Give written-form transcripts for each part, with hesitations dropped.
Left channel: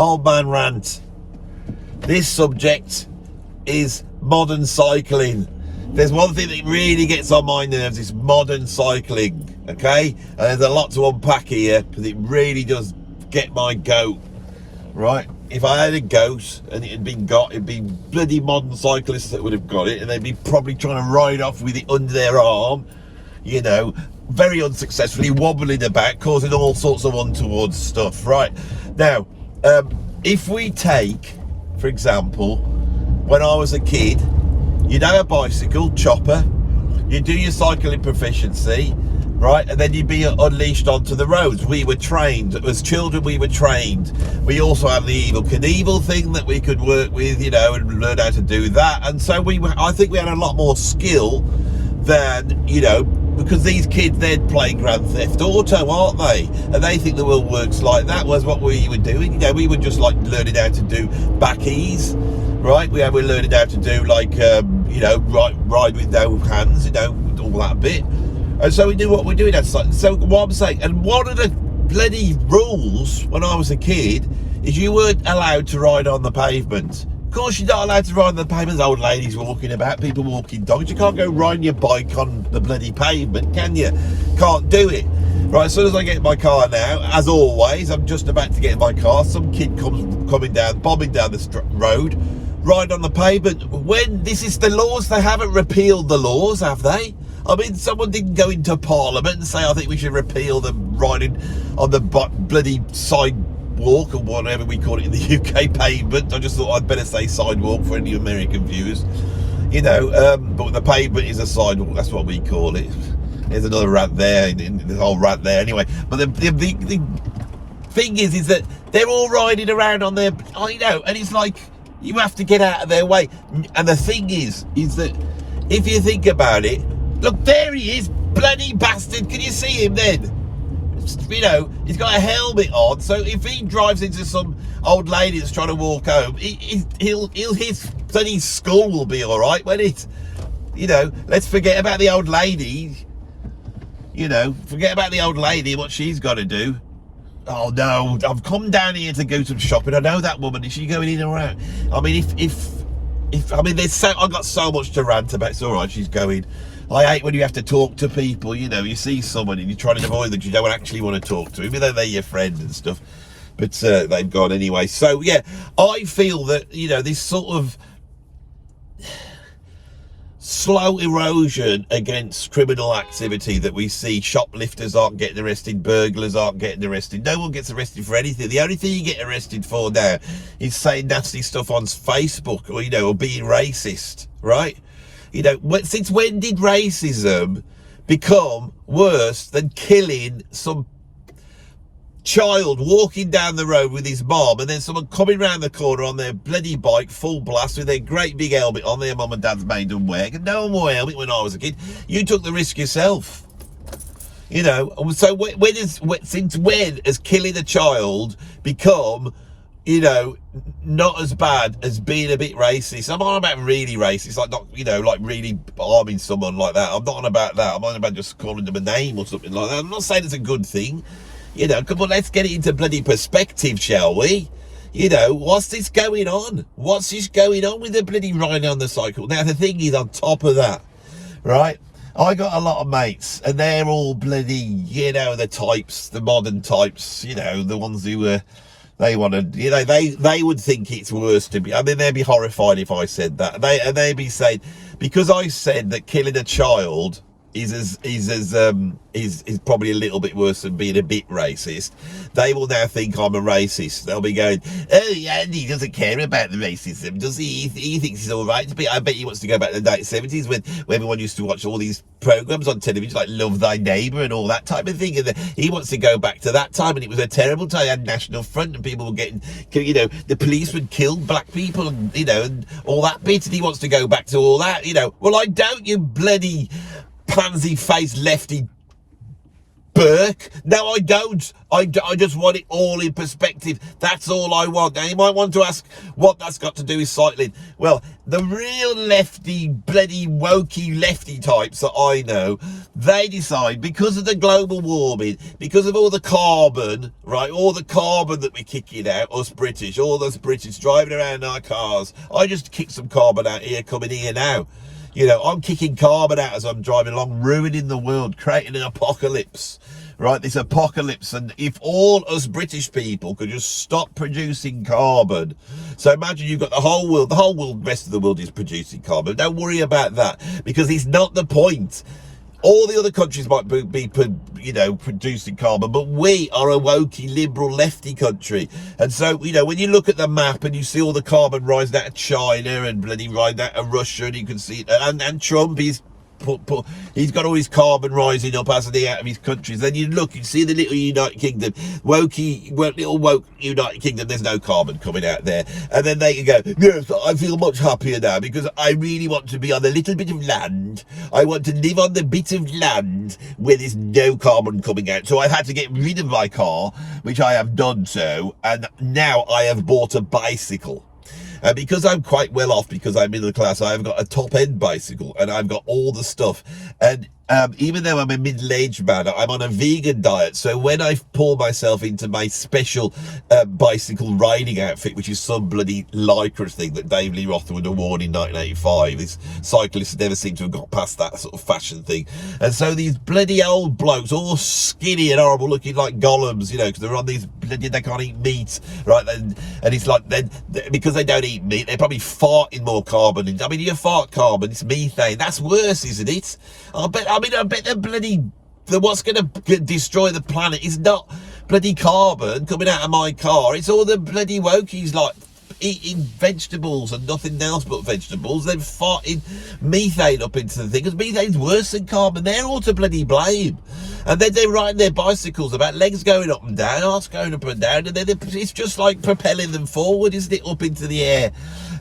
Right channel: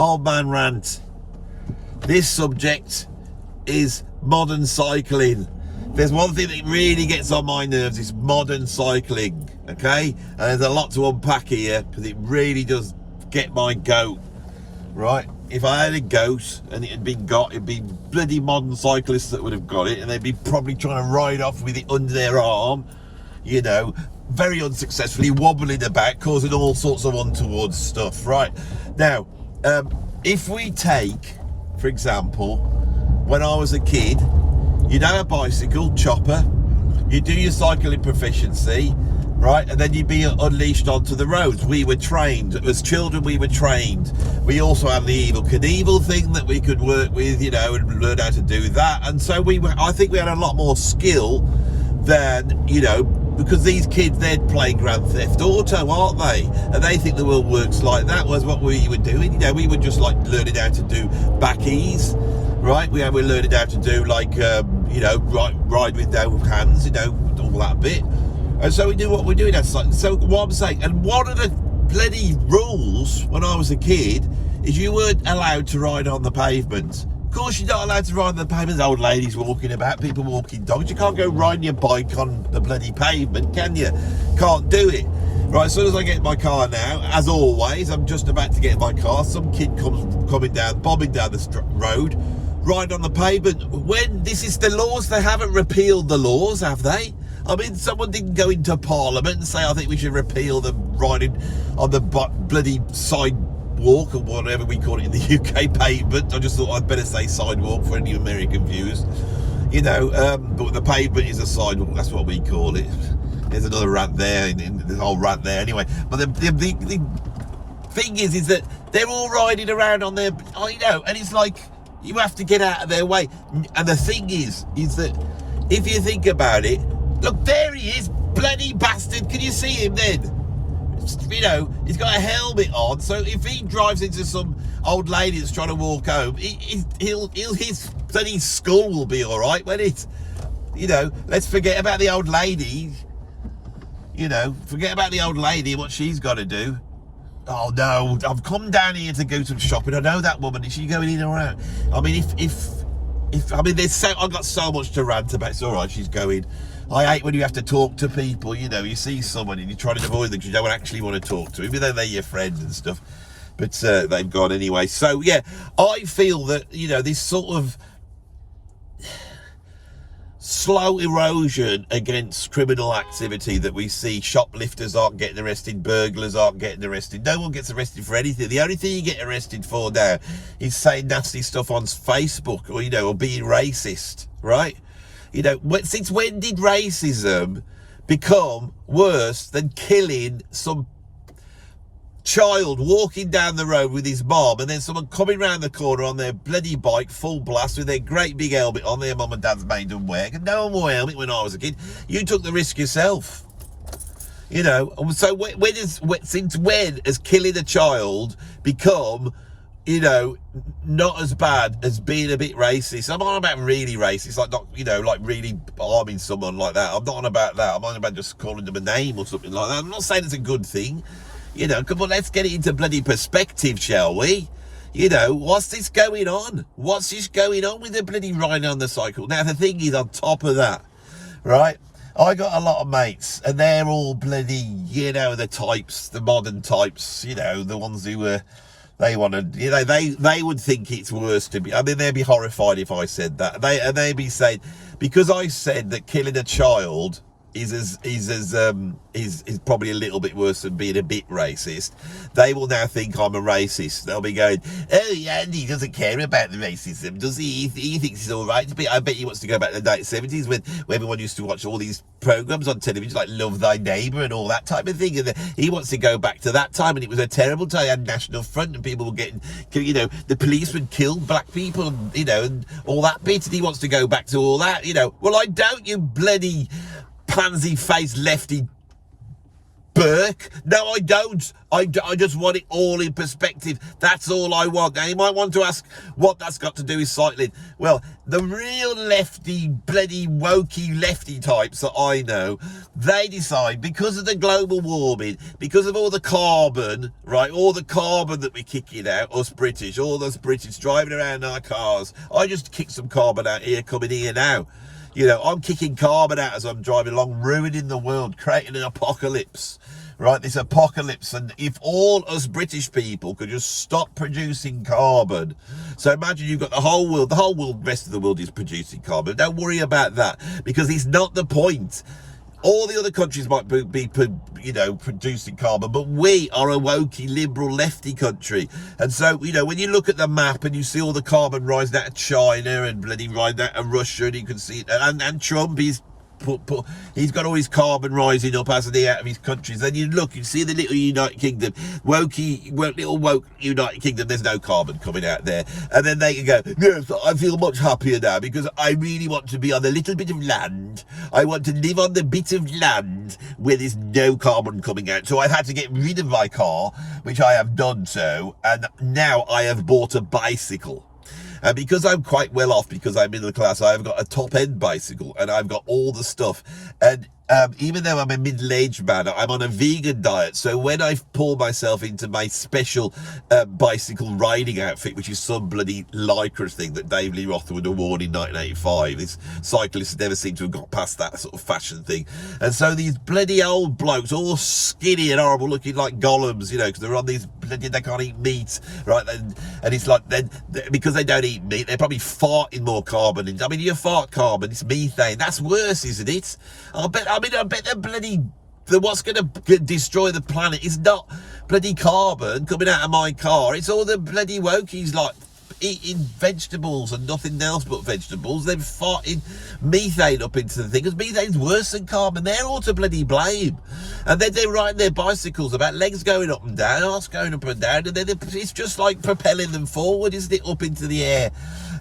old man rant. This subject is modern cycling. There's one thing that really gets on my nerves, is modern cycling, okay? And there's a lot to unpack here, because it really does get my goat, right? If I had a goat and it had been got, it'd be bloody modern cyclists that would have got it, and they'd be probably trying to ride off with it under their arm, you know, very unsuccessfully, wobbling about, causing all sorts of untoward stuff, right? Now, if we take, for example, when I was a kid, you'd have a bicycle, chopper, you'd do your cycling proficiency, right, and then you'd be unleashed onto the roads. We were trained, as children we were trained. We also had the Evel Knievel thing that we could work with, you know, and learn how to do that. And so I think we had a lot more skill than, you know, because these kids, they'd play Grand Theft Auto, aren't they? And they think the world works like that. Was what we were doing, you know, we were just like learning how to do back ease, right? We were learning how to do like, you know, ride with no hands, you know, all that bit. And so we knew what we're doing. So what I'm saying, and one of the bloody rules when I was a kid is you weren't allowed to ride on the pavement. Of course you're not allowed to ride on the pavement. There's old ladies walking about, people walking dogs. You can't go riding your bike on the bloody pavement, can you? Can't do it. Right, as soon as I get in my car now, as always, I'm just about to get in my car, some kid bombing down the road, ride on the pavement. When this is the laws, they haven't repealed the laws, have they? I mean, someone didn't go into Parliament and say, I think we should repeal the riding on the bloody sidewalk, or whatever we call it in the UK, pavement. I just thought I'd better say sidewalk for any American viewers. You know, but the pavement is a sidewalk, that's what we call it. There's another rant there, there's a whole rant there anyway. But the thing is that they're all riding around on their, you know, and it's like, you have to get out of their way. And the thing is that if you think about it, look, there he is, bloody bastard. Can you see him then? You know, he's got a helmet on, so if he drives into some old lady that's trying to walk home, his bloody skull will be all right, won't it? You know, let's forget about the old lady. You know, forget about the old lady, what she's got to do. Oh no, I've come down here to go to shopping. I know that woman. Is she going in or out? I mean, I mean, I've got so much to rant about. It's all right, she's going. I hate when you have to talk to people, you know, you see someone and you're trying to avoid them, you don't actually want to talk to, even though they're your friends and stuff. But they've gone anyway. So, yeah, I feel that, you know, this sort of slow erosion against criminal activity that we see, shoplifters aren't getting arrested, burglars aren't getting arrested, no one gets arrested for anything. The only thing you get arrested for now is saying nasty stuff on Facebook, or, you know, or being racist, right? You know, since when did racism become worse than killing some child walking down the road with his mom, and then someone coming round the corner on their bloody bike, full blast, with their great big helmet on, their mum and dad's made them wear? No one wore a helmet when I was a kid. You took the risk yourself. You know, so since when has killing a child become, you know, not as bad as being a bit racist? I'm on about really racist, like not, you know, like really harming someone like that. I'm not on about that. I'm on about just calling them a name or something like that. I'm not saying it's a good thing. You know, come on, let's get it into bloody perspective, shall we? You know, what's this going on? What's this going on with the bloody riding on the cycle? Now, the thing is, on top of that, right, I got a lot of mates, and they're all bloody, you know, the types, the modern types, you know, the ones who they want to, you know, they would think it's worse to be, I mean, they'd be horrified if I said that. They'd be saying, because I said that killing a child is probably a little bit worse than being a bit racist, they will now think I'm a racist. They'll be going, oh yeah, he doesn't care about the racism, does he? He thinks it's all right to be. I bet he wants to go back to the 1970s when everyone used to watch all these programs on television like Love Thy Neighbour and all that type of thing, and he wants to go back to that time, and it was a terrible time. Had National Front and people were getting, you know, the police would kill black people, and, you know, and all that bit, and he wants to go back to all that, you know. Well, I don't, you bloody pansy-faced lefty Burke. No, I don't. I just want it all in perspective. That's all I want. Now, you might want to ask what that's got to do with cycling. Well, the real lefty, bloody wokey lefty types that I know, they decide because of the global warming, because of all the carbon, right, all the carbon that we're kicking out, us British, all us British driving around our cars. I just kicked some carbon out here, coming here now. You know, I'm kicking carbon out as I'm driving along, ruining the world, creating an apocalypse, right? This apocalypse. And if all us British people could just stop producing carbon. So imagine you've got the whole world, the rest of the world is producing carbon. Don't worry about that, because it's not the point. All the other countries might be, you know, producing carbon, but we are a wokey, liberal, lefty country. And so, you know, when you look at the map and you see all the carbon rising out of China and bloody rising out of Russia, and you can see it, and Trump, he's got all his carbon rising up, hasn't he, out of his countries. Then you look, you see the little United Kingdom, little woke United Kingdom, there's no carbon coming out there. And then they can go, yes, I feel much happier now because I really want to be on the little bit of land. I want to live on the bit of land where there's no carbon coming out. So I had to get rid of my car, which I have done so, and now I have bought a bicycle. Because I'm quite well off, because I'm middle class, I've got a top-end bicycle, and I've got all the stuff. And even though I'm a middle-aged man, I'm on a vegan diet. So when I pour myself into my special bicycle riding outfit, which is some bloody lycra thing that Dave Lee Roth would have worn in 1985, this cyclist never seemed to have got past that sort of fashion thing. And so these bloody old blokes, all skinny and horrible, looking like golems, you know, because they're on these bloody, they can't eat meat, right? And it's like, then because they don't eat meat, they're probably farting more carbon. I mean, you fart carbon, it's methane. That's worse, isn't it? I bet the bloody, what's going to destroy the planet is not bloody carbon coming out of my car. It's all the bloody wokies like eating vegetables and nothing else but vegetables. They're farting methane up into the thing, because methane's worse than carbon. They're all to bloody blame. And then they're riding their bicycles about legs going up and down, arse going up and down, and then it's just like propelling them forward, isn't it, up into the air?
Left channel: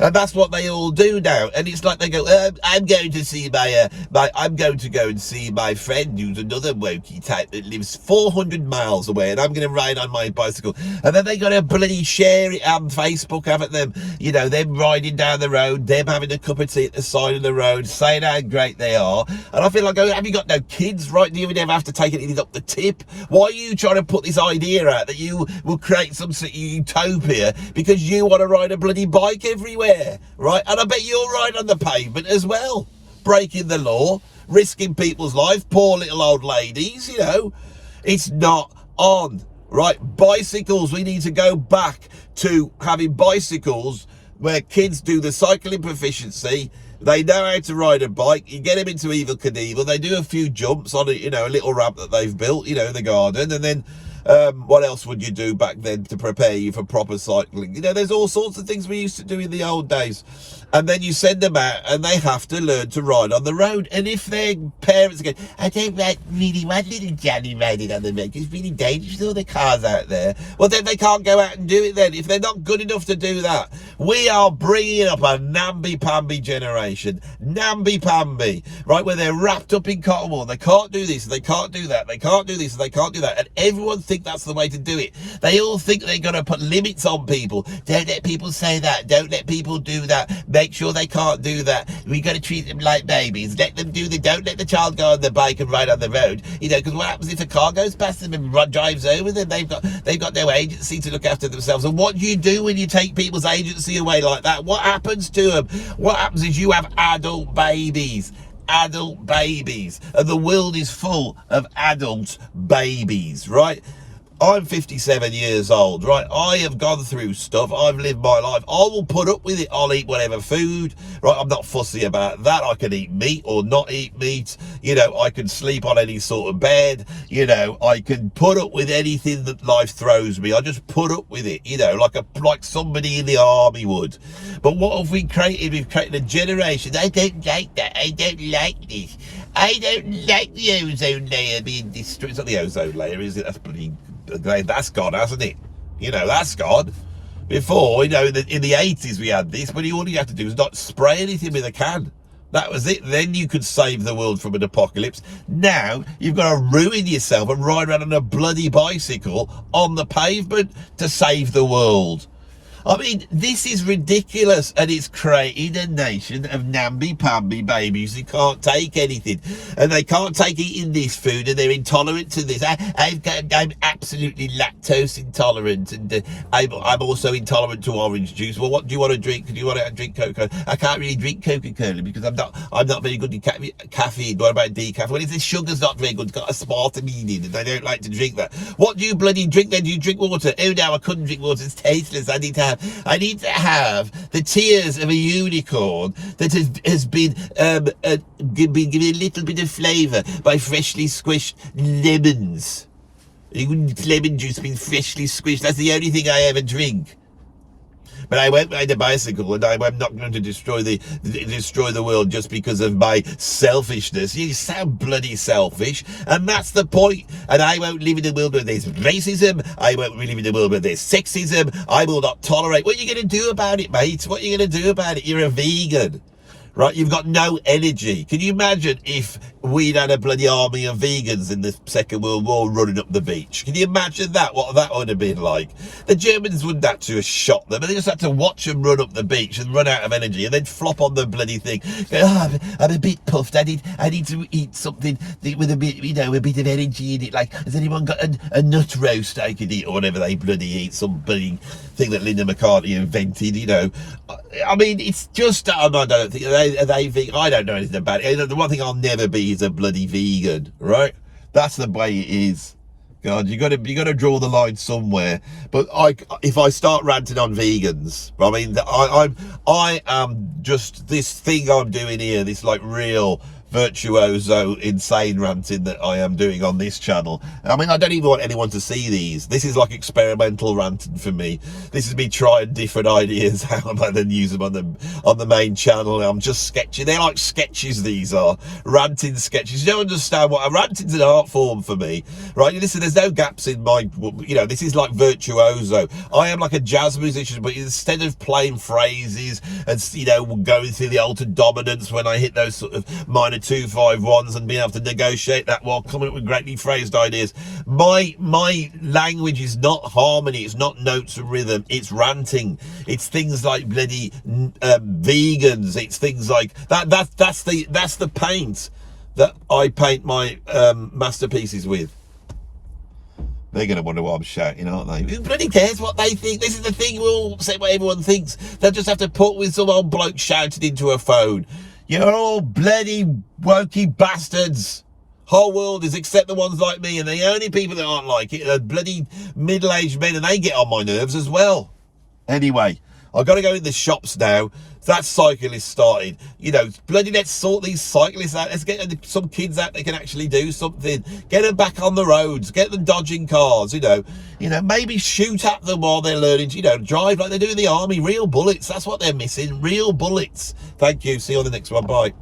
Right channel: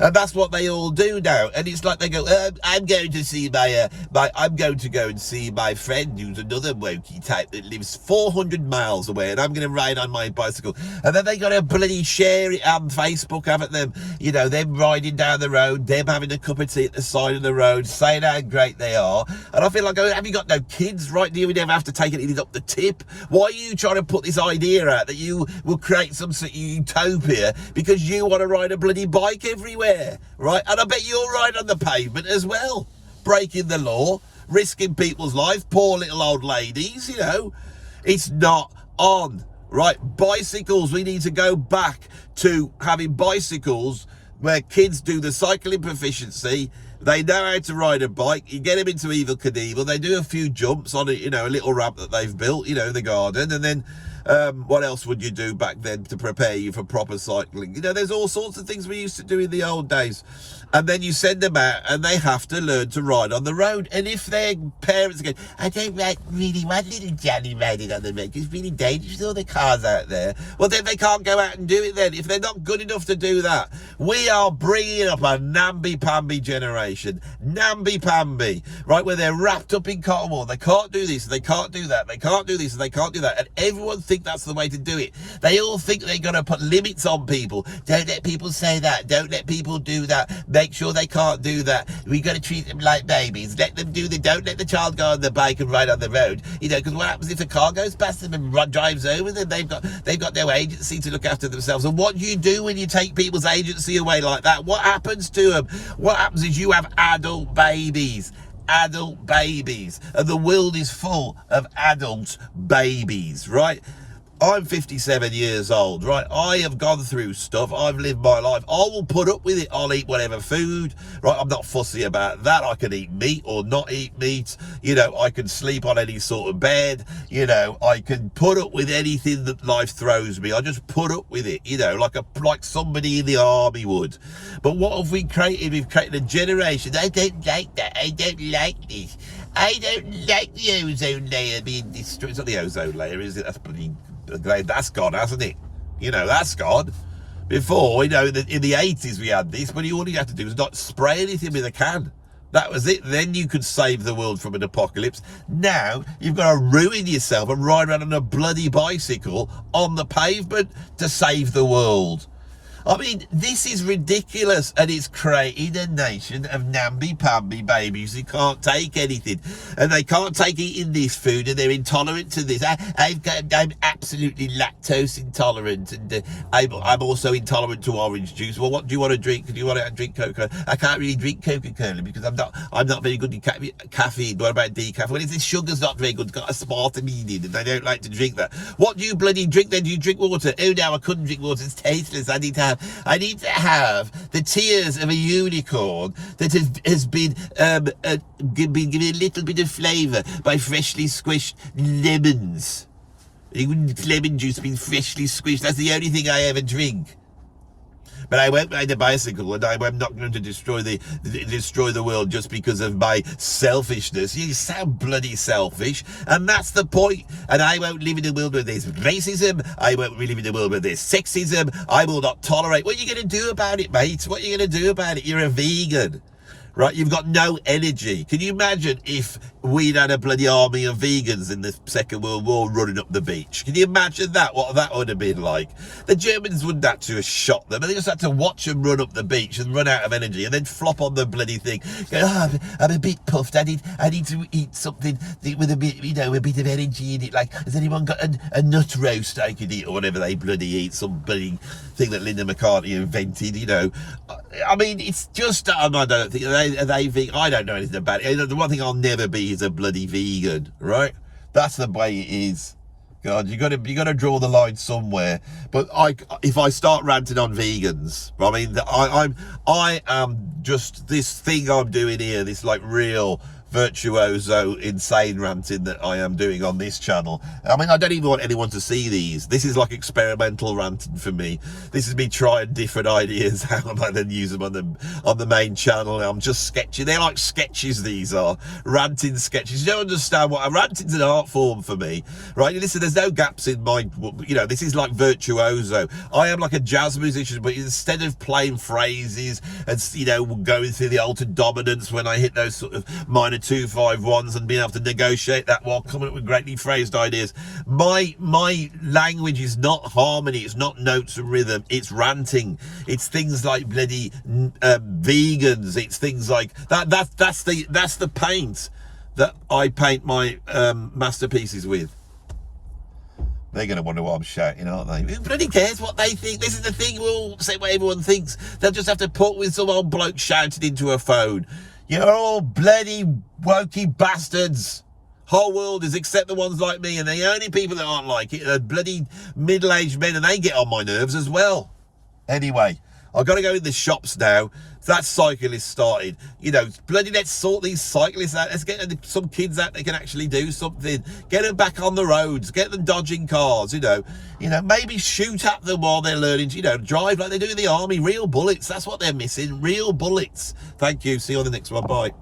And that's what they all do now. And it's like they go, I'm going to see I'm going to go and see my friend who's another wokey type that lives 400 miles away, and I'm going to ride on my bicycle. And then they got to bloody share it on Facebook, haven't them? You know, them riding down the road, them having a cup of tea at the side of the road, saying how great they are. And I feel like, have you got no kids, right? Do you never have to take anything up the tip? Why are you trying to put this idea out that you will create some sort of utopia because you want to ride a bloody bike everywhere, right? And I bet you'll ride on the pavement as well, breaking the law, risking people's lives, poor little old ladies, you know. It's not on, right? Bicycles, we need to go back to having bicycles where kids do the cycling proficiency. They know how to ride a bike. You get them into Evel Knievel. They do a few jumps on it, you know, a little ramp that they've built, you know, in the garden. And then what else would you do back then to prepare you for proper cycling? You know, there's all sorts of things we used to do in the old days. And then you send them out and they have to learn to ride on the road. And if their parents go, I don't really want little Johnny riding on the road, it's really dangerous with all the cars out there. Well, then they can't go out and do it then. If they're not good enough to do that, we are bringing up a namby-pamby generation. Namby-pamby, right? Where they're wrapped up in cotton wool. They can't do this, they can't do that, they can't do this, they can't do that. And everyone thinks that's the way to do it. They all think they're going to put limits on people. Don't let people say that. Don't let people do that. Make sure they can't do that. We got to treat them like babies. Let them do don't let the child go on the bike and ride on the road. You know, because what happens if a car goes past them and drives over them? They've got no agency to look after themselves. And what do you do when you take people's agency away like that? What happens to them? What happens is you have adult babies. Adult babies. And the world is full of adult babies, right? I'm 57 years old, right? I have gone through stuff. I've lived my life. I will put up with it. I'll eat whatever food, right? I'm not fussy about that. I can eat meat or not eat meat. You know, I can sleep on any sort of bed. You know, I can put up with anything that life throws me. I just put up with it, you know, like somebody in the army would. But what have we created? We've created a generation. I don't like that. I don't like this. I don't like the ozone layer being destroyed. It's not the ozone layer, is it? That's gone, hasn't it? You know, that's gone. Before, you know, in the 80s we had this, but all you had to do was not spray anything with a can. That was it. Then you could save the world from an apocalypse. Now you've got to ruin yourself and ride around on a bloody bicycle on the pavement to save the world. I mean, this is ridiculous, and it's created a nation of namby-pamby babies who can't take anything, and they can't take eating this food, and they're intolerant to this. I'm absolutely lactose intolerant, and I'm also intolerant to orange juice. Well, what do you want to drink? Do you want to drink Coca-Cola? I can't really drink Coca-Cola because I'm not very good at caffeine. What about decaf? Well, if the sugar's not very good, it's got aspartame in it, and I don't like to drink that. What do you bloody drink then? Do you drink water? Oh no, I couldn't drink water. It's tasteless. I need to have the tears of a unicorn that has been given a little bit of flavour by freshly squished lemons. Lemon juice being freshly squished. That's the only thing I ever drink. But I won't ride a bicycle, and I'm not going to destroy the world just because of my selfishness. You sound bloody selfish, and that's the point. And I won't live in a world where there's racism. I won't live in a world where there's sexism. I will not tolerate. What are you going to do about it, mate? What are you going to do about it? You're a vegan. Right, you've got no energy. Can you imagine if we'd had a bloody army of vegans in the Second World War running up the beach? Can you imagine that? What that would have been like? The Germans wouldn't have to have shot them, and they just had to watch them run up the beach and run out of energy, and then flop on the bloody thing. Go, oh, I'm a bit puffed. I need to eat something with a bit, a bit of energy in it. Like, has anyone got a nut roast I could eat, or whatever they bloody eat? Some bloody thing that Linda McCartney invented. I mean, it's just I don't think are they vegan? I don't know anything about it. The one thing I'll never be is a bloody vegan, right? That's the way it is. God, you got to draw the line somewhere. But if I start ranting on vegans, I mean, I am just this thing I'm doing here. This like real virtuoso insane ranting that I am doing on this channel. I mean, I don't even want anyone to see these. This is like experimental ranting for me. This is me trying different ideas out and then use them on the main channel. I'm just sketching. They're like sketches. These are ranting sketches. You don't understand what a ranting's an art form for me, right? Listen, there's no gaps in my, this is like virtuoso. I am like a jazz musician, but instead of playing phrases and going through the altered dominance when I hit those sort of minor 2-5-1s and being able to negotiate that while coming up with greatly phrased ideas. My language is not harmony, it's not notes and rhythm, it's ranting. It's things like bloody vegans, it's things like that's the paint that I paint my masterpieces with. They're going to wonder what I'm shouting, aren't they? Who bloody cares what they think? This is the thing, we'll say what everyone thinks. They'll just have to put with some old bloke shouting into a phone. You're all bloody wokey bastards. Whole world is except the ones like me, and the only people that aren't like it are bloody middle-aged men, and they get on my nerves as well. Anyway, I've got to go in the shops now. That cyclist started. Bloody let's sort these cyclists out. Let's get some kids out that can actually do something. Get them back on the roads. Get them dodging cars, maybe shoot at them while they're learning to, drive like they do in the army. Real bullets. That's what they're missing. Real bullets. Thank you. See you on the next one. Bye.